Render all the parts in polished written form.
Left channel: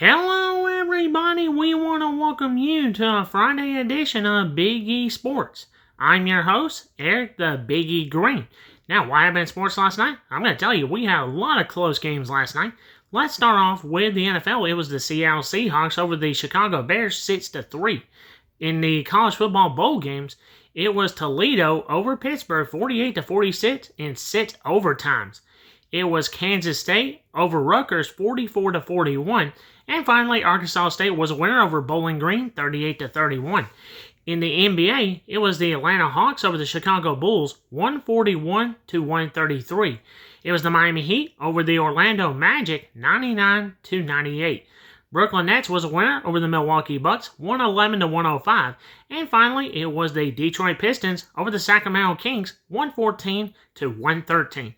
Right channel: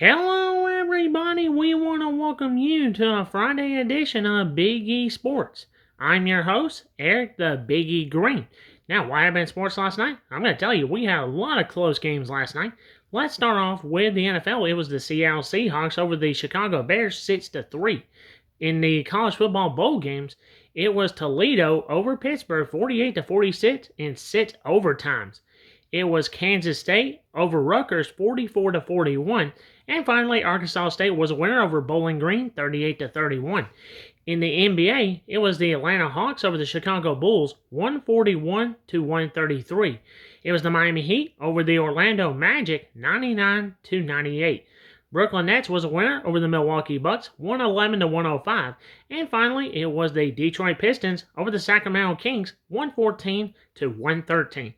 Hello, everybody. We want to welcome you to a Friday edition of Big E Sports. I'm your host, Eric the Big E Green. Now, what happened in sports last night? I'm going to tell you, we had a lot of close games last night. Let's start off with the NFL. It was the Seattle Seahawks over the Chicago Bears 6-3. In the college football bowl games, it was Toledo over Pittsburgh 48-46 in 6 overtimes. It was Kansas State over Rutgers 44-41. And finally, Arkansas State was a winner over Bowling Green, 38-31. In the NBA, it was the Atlanta Hawks over the Chicago Bulls, 141-133. It was the Miami Heat over the Orlando Magic, 99-98. Brooklyn Nets was a winner over the Milwaukee Bucks, 111-105. And finally, it was the Detroit Pistons over the Sacramento Kings, 114-113.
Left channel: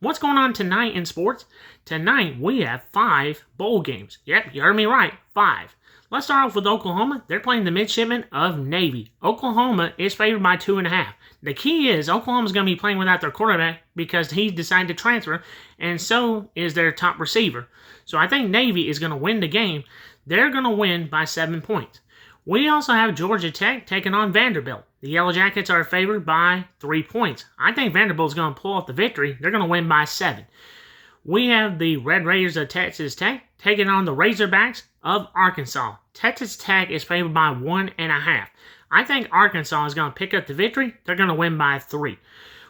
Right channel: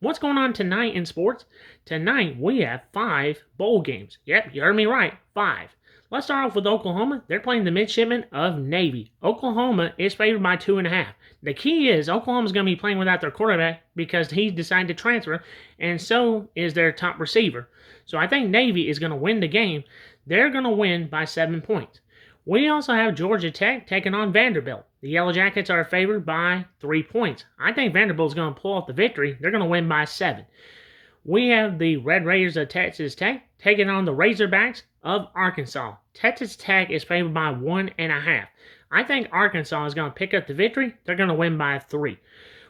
What's going on tonight in sports? Tonight, we have 5 bowl games. Yep, you heard me right, 5. Let's start off with Oklahoma. They're playing the Midshipmen of Navy. Oklahoma is favored by 2.5. The key is Oklahoma's going to be playing without their quarterback because he decided to transfer, and so is their top receiver. So I think Navy is going to win the game. They're going to win by 7 points. We also have Georgia Tech taking on Vanderbilt. The Yellow Jackets are favored by 3 points. I think Vanderbilt's going to pull off the victory. They're going to win by 7. We have the Red Raiders of Texas Tech taking on the Razorbacks of Arkansas. Texas Tech is favored by 1.5. I think Arkansas is going to pick up the victory. They're going to win by 3.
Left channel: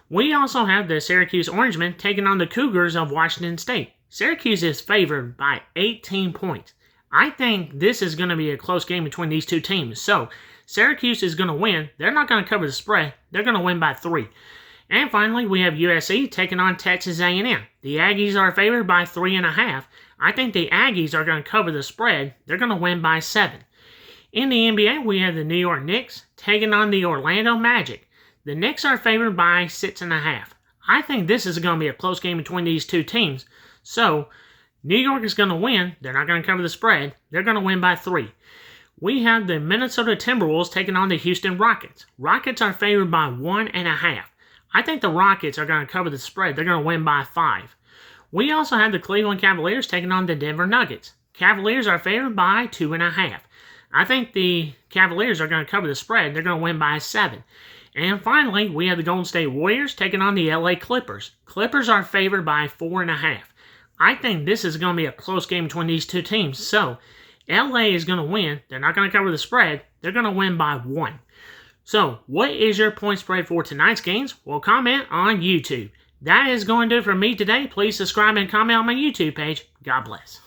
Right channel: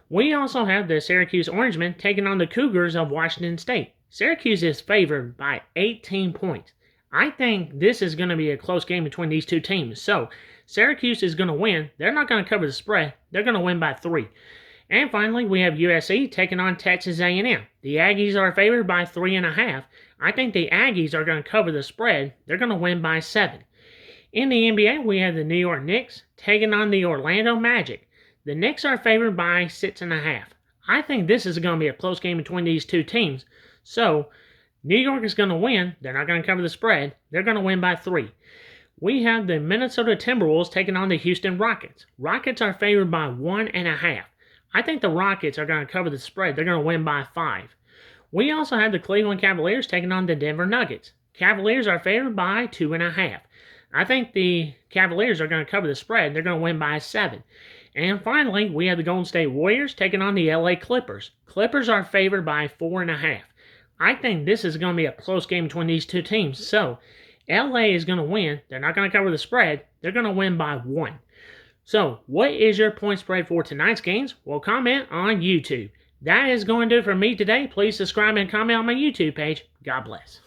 We also have the Syracuse Orangemen taking on the Cougars of Washington State. Syracuse is favored by 18 points. I think this is going to be a close game between these two teams. So, Syracuse is going to win. They're not going to cover the spread. They're going to win by 3. And finally, we have USC taking on Texas A&M. The Aggies are favored by 3.5. I think the Aggies are going to cover the spread. They're going to win by 7. In the NBA, we have the New York Knicks taking on the Orlando Magic. The Knicks are favored by 6.5. I think this is going to be a close game between these two teams. So, New York is going to win. They're not going to cover the spread. They're going to win by 3. We have the Minnesota Timberwolves taking on the Houston Rockets. Rockets are favored by 1.5. I think the Rockets are going to cover the spread. They're going to win by 5. We also have the Cleveland Cavaliers taking on the Denver Nuggets. Cavaliers are favored by 2.5. I think the Cavaliers are going to cover the spread. They're going to win by 7. And finally, we have the Golden State Warriors taking on the LA Clippers. Clippers are favored by 4.5. I think this is going to be a close game between these two teams. So, LA is going to win. They're not going to cover the spread. They're going to win by 1. So, what is your point spread for tonight's games? Well, comment on YouTube. That is going to do it for me today. Please subscribe and comment on my YouTube page. God bless.